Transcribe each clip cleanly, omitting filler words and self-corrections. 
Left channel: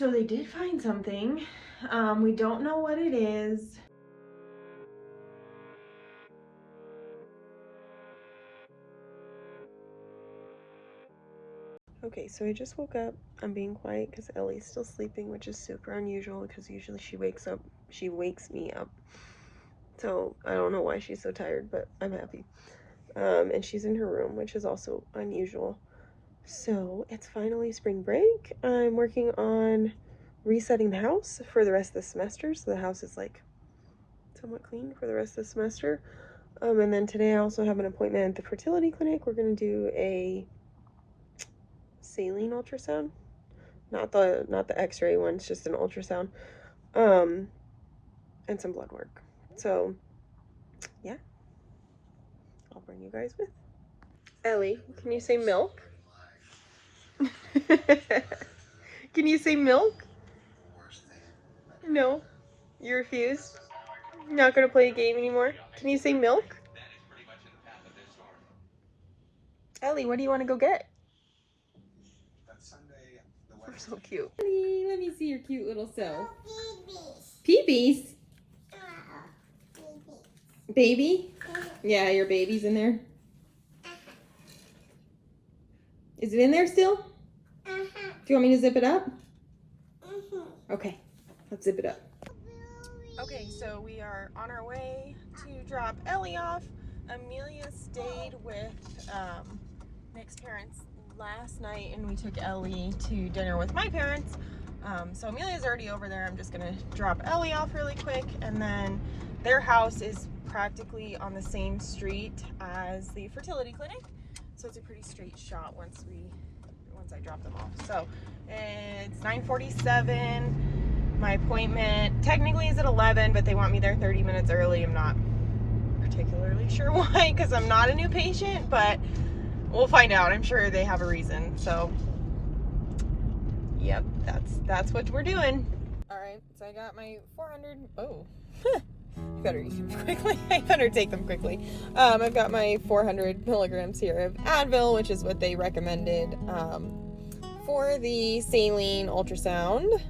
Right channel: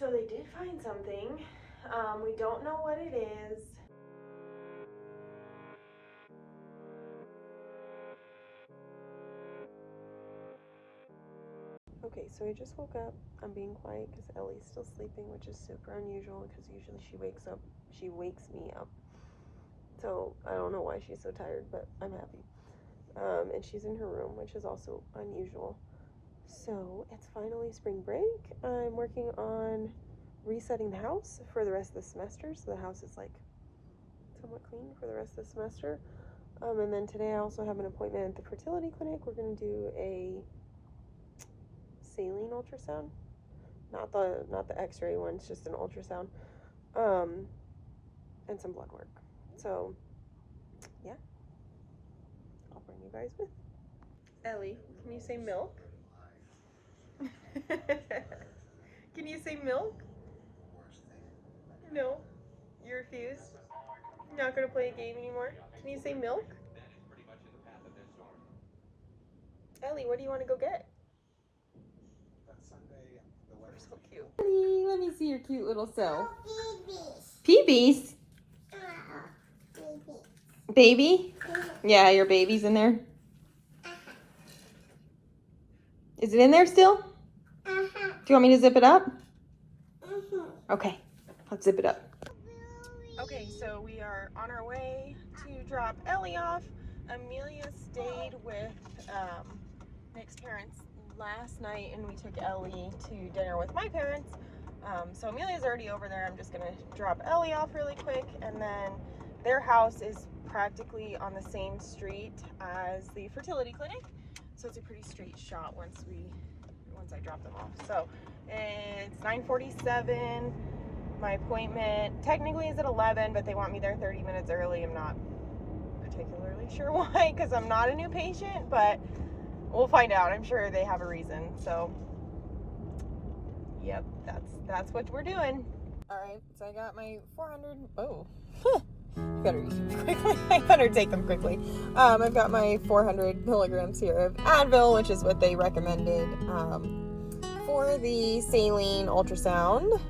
So they did find something. We don't know what it is. Okay, so I just woke up. I'm being quiet because Ellie's still sleeping, which is super unusual because usually she wakes me up. So I don't know why she's so tired, but I'm happy. And she's in her room, which is also unusual. So it's finally spring break. I'm working on resetting the house for the rest of the semester, so the house is like somewhat clean for the rest of the semester. And then today I also have an appointment at the fertility clinic. We're gonna do a saline ultrasound, not the X-ray one. It's just an ultrasound, and some blood work. So yeah, I'll bring you guys with. Ellie, can you say milk? Can you say milk? No, you refuse. You're not gonna play a game anymore. Can you say milk? Ellie, what do you want to go get? We're so cute. Ellie, let me see your cute little self. Peepees. Baby? Yeah, your baby's in there. Is it in there still? Do you want me to zip it up? Okay, let's zip it up. Okay, so we are on our way to drop Ellie off. Amelia stayed with Nick's parents last night, and we took Ellie to dinner with my parents. So Amelia's already over there. I'm just gonna drop Ellie off really quick, and then their house is practically on the same street as the fertility clinic, so it's a pretty straight shot once I drop them off. So it's 9:47. My appointment technically is at 11, but they want me there 30 minutes early. I'm not particularly sure why, because I'm not a new patient, but we'll find out. I'm sure they have a reason. So yep, that's what we're doing. All right, so I got my 400. Oh, I better use them quickly. I better take them quickly. I've got my 400 milligrams here of Advil, which is what they recommended for the saline ultrasound.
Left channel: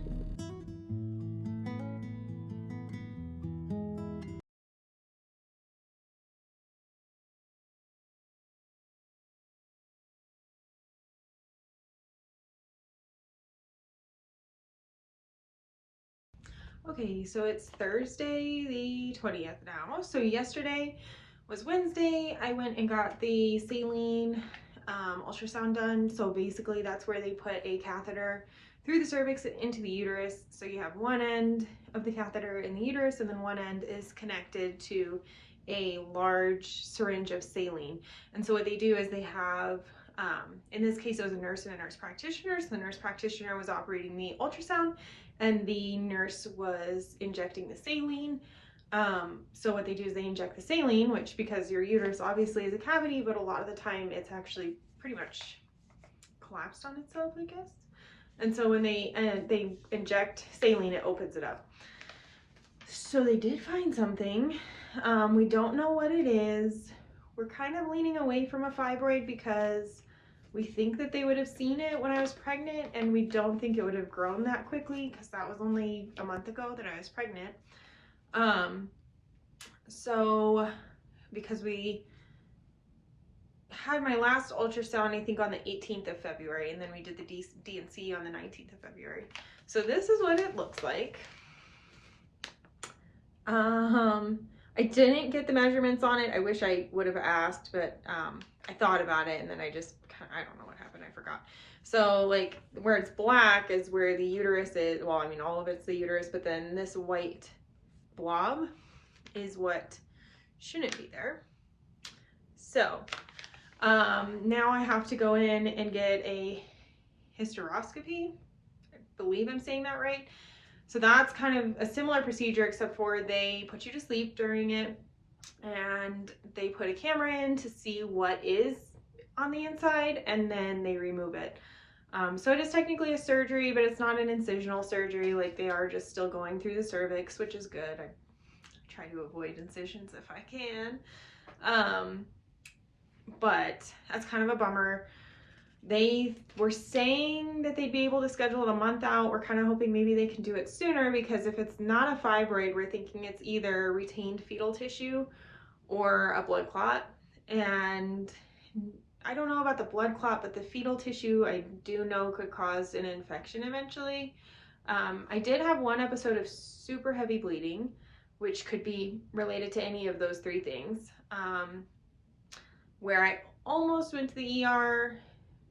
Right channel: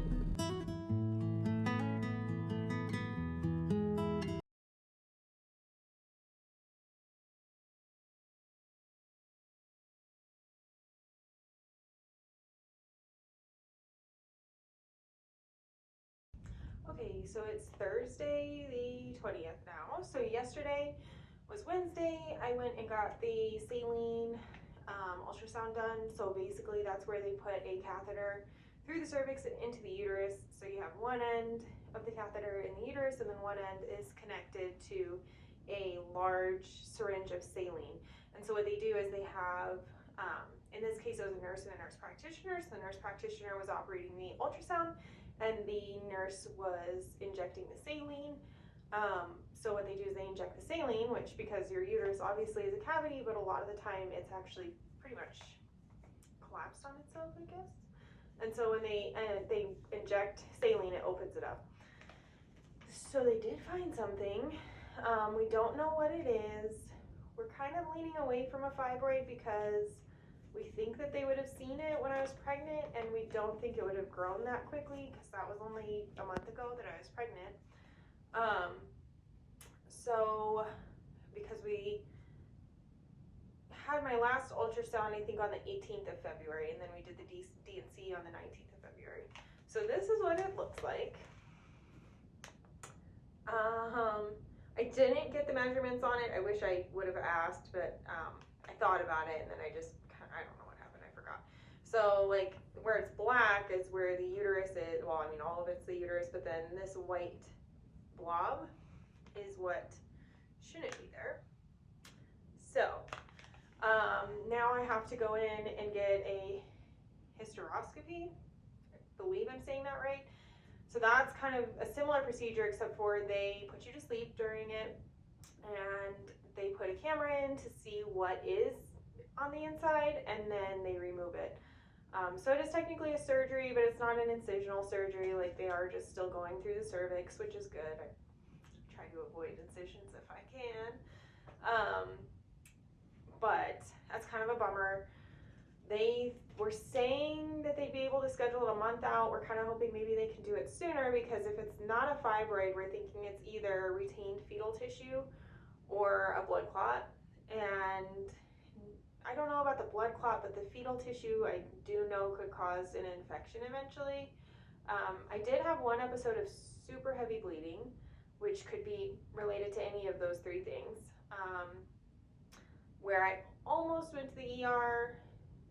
Okay, so it's Thursday the 20th now. So yesterday was Wednesday. I went and got the saline ultrasound done. So basically that's where they put a catheter through the cervix and into the uterus. So you have one end of the catheter in the uterus, and then one end is connected to a large syringe of saline. And so what they do is they have, in this case it was a nurse and a nurse practitioner. So the nurse practitioner was operating the ultrasound, and the nurse was injecting the saline. So what they do is they inject the saline, which, because your uterus obviously is a cavity, but a lot of the time it's actually pretty much collapsed on itself, I guess. And so when they inject saline, it opens it up. So they did find something. We don't know what it is. We're kind of leaning away from a fibroid because we think that they would have seen it when I was pregnant, and we don't think it would have grown that quickly because that was only a month ago that I was pregnant. So because we had my last ultrasound, I think on the 18th of February, and then we did the D&C on the 19th of February. So this is what it looks like. I didn't get the measurements on it. I wish I would have asked, but I thought about it, and then I don't know what happened. I forgot. So like where it's black is where the uterus is. Well, I mean, all of it's the uterus, but then this white blob is what shouldn't be there. So now I have to go in and get a hysteroscopy. I believe I'm saying that right. So that's kind of a similar procedure, except for they put you to sleep during it, and they put a camera in to see what is on the inside, and then they remove it. So it is technically a surgery, but it's not an incisional surgery. Like, they are just still going through the cervix, which is good. I try to avoid incisions if I can. But that's kind of a bummer. They were saying that they'd be able to schedule it a month out. We're kind of hoping maybe they can do it sooner, because if it's not a fibroid, we're thinking it's either retained fetal tissue or a blood clot. And I don't know about the blood clot, but the fetal tissue I do know could cause an infection eventually. I did have one episode of super heavy bleeding, which could be related to any of those three things, where I almost went to the ER,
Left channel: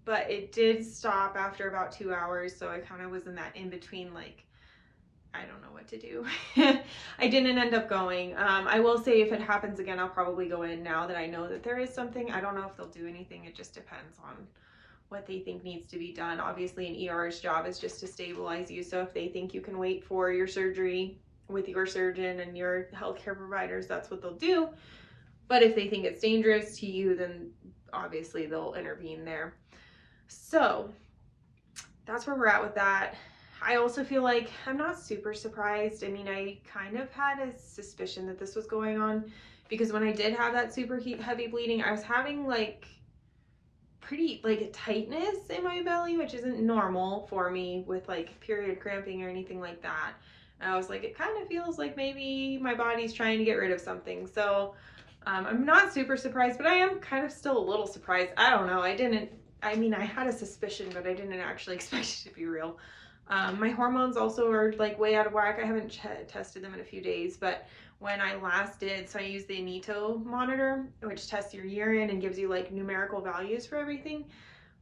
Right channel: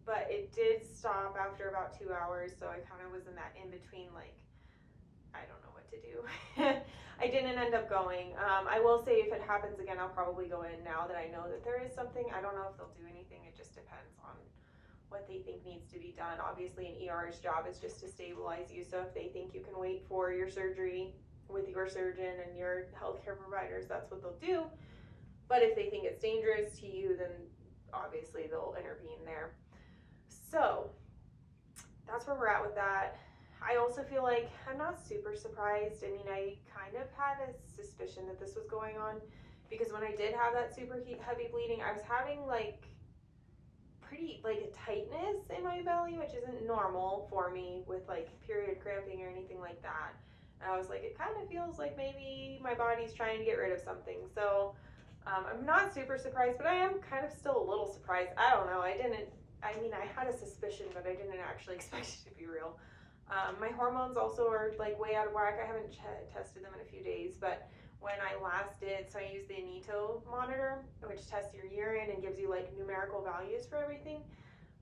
but it did stop after about 2 hours. So I kind of was in that in between, like, I don't know what to do. I didn't end up going. I will say if it happens again, I'll probably go in now that I know that there is something. I don't know if they'll do anything. It just depends on what they think needs to be done. Obviously an ER's job is just to stabilize you. So if they think you can wait for your surgery with your surgeon and your healthcare providers, that's what they'll do. But if they think it's dangerous to you, then obviously they'll intervene there. So that's where we're at with that. I also feel like I'm not super surprised. I mean, I kind of had a suspicion that this was going on, because when I did have that super heavy bleeding, I was having like pretty like a tightness in my belly, which isn't normal for me with like period cramping or anything like that. And I was like, it kind of feels like maybe my body's trying to get rid of something. So I'm not super surprised, but I am kind of still a little surprised. I don't know. I mean, I had a suspicion, but I didn't actually expect it to be real. My hormones also are like way out of whack. I haven't tested them in a few days, but when I last did, so I use the Neato monitor, which tests your urine and gives you like numerical values for everything.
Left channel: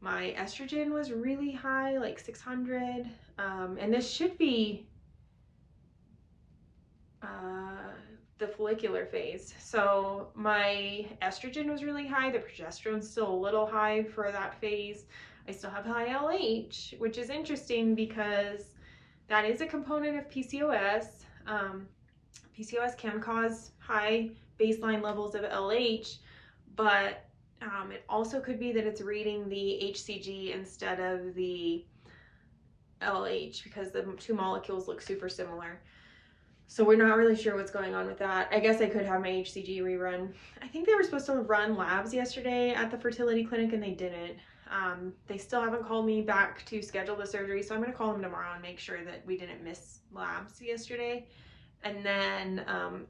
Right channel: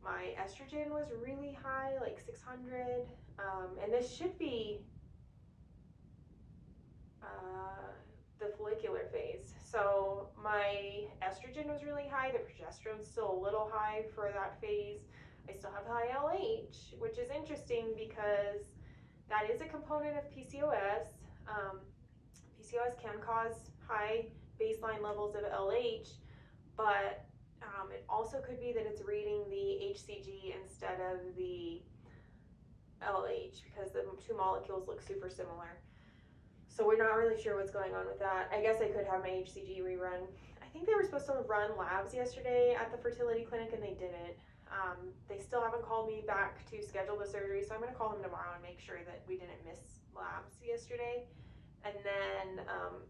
My estrogen was really high, like 600, and this should be the follicular phase. So my estrogen was really high. The progesterone's still a little high for that phase. I still have high LH, which is interesting because that is a component of PCOS. PCOS can cause high baseline levels of LH, but it also could be that it's reading the HCG instead of the LH, because the two molecules look super similar. So we're not really sure what's going on with that. I guess I could have my HCG rerun. I think they were supposed to run labs yesterday at the fertility clinic and they didn't. They still haven't called me back to schedule the surgery, so I'm going to call them tomorrow and make sure that we didn't miss labs yesterday. And then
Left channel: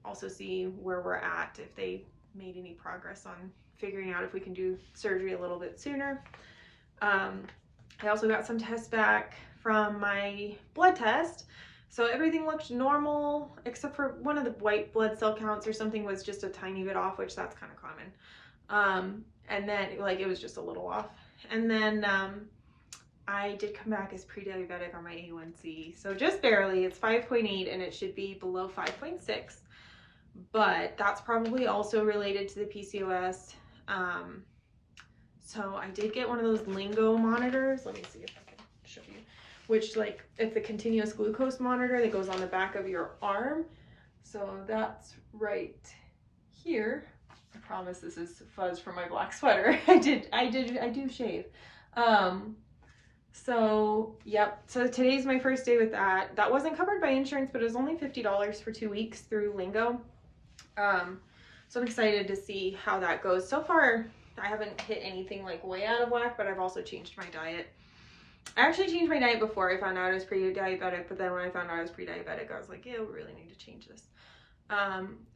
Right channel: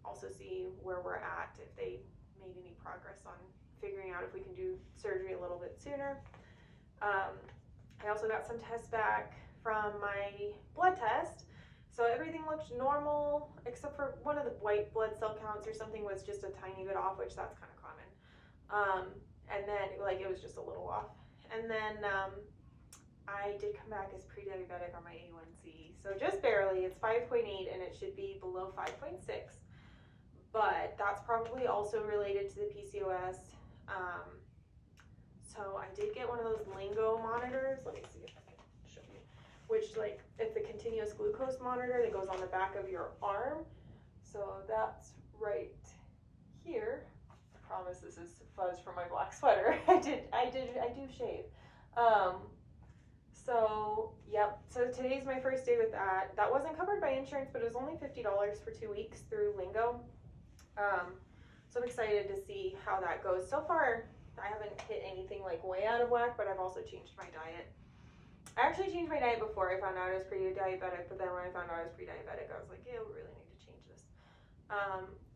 also see where we're at, if they made any progress on figuring out if we can do surgery a little bit sooner. I also got some tests back from my blood test. So everything looked normal, except for one of the white blood cell counts or something was just a tiny bit off, which that's kind of common. And then like it was just a little off. And then I did come back as pre-diabetic on my A1C. So just barely, it's 5.8 and it should be below 5.6. But that's probably also related to the PCOS. So I did get one of those Lingo monitors. Let me see if I can show you. Which, like, it's a continuous glucose monitor that goes on the back of your arm. So that's right here. I promise this is fuzz from my black sweater. I do shave. So yep. So today's my first day with that. That wasn't covered by insurance, but it was only $50 for 2 weeks through Lingo. So I'm excited to see how that goes. So far, I haven't hit anything like way out of whack, but I've also changed my diet. I actually changed my diet before I found out I was pre-diabetic, but then when I found out I was pre-diabetic, I was like, yeah, we really need to change this.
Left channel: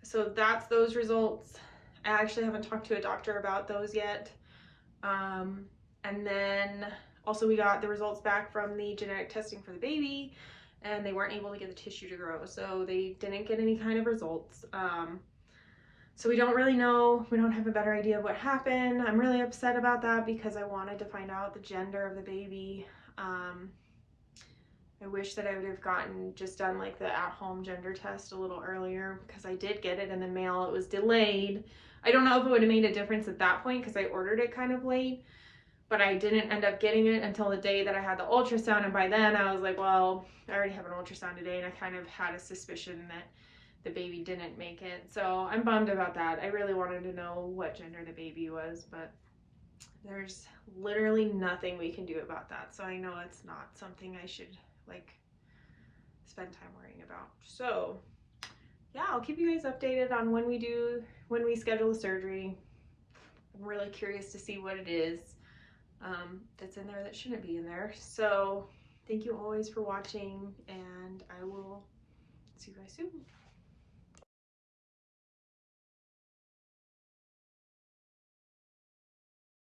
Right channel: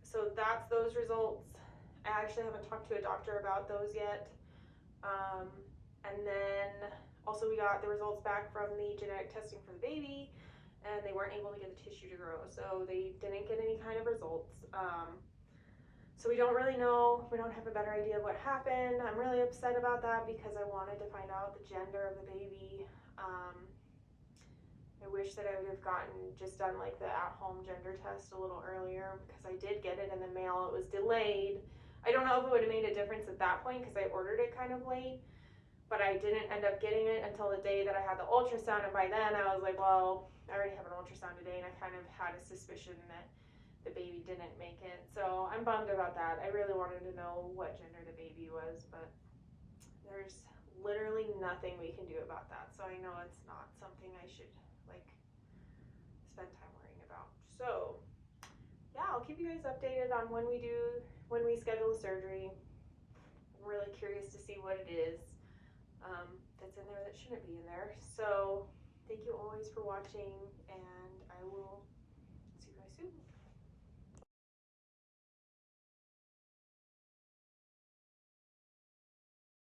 So that's those results. I actually haven't talked to a doctor about those yet. And then also we got the results back from the genetic testing for the baby, and they weren't able to get the tissue to grow, so they didn't get any kind of results. So we don't really know. We don't have a better idea of what happened. I'm really upset about that because I wanted to find out the gender of the baby. I wish that I would have just done like the at-home gender test a little earlier, because I did get it in the mail. It was delayed. I don't know if it would have made a difference at that point because I ordered it kind of late, but I didn't end up getting it until the day that I had the ultrasound. And by then I was like, well, I already have an ultrasound today, and I kind of had a suspicion that the baby didn't make it. So I'm bummed about that. I really wanted to know what gender the baby was, but there's literally nothing we can do about that. So I know it's not something I should like spend time worrying about. So yeah, I'll keep you guys updated on when we schedule the surgery. I'm really curious to see what it is. that's in there that shouldn't be in there. So thank you always for watching, and I will see you guys soon.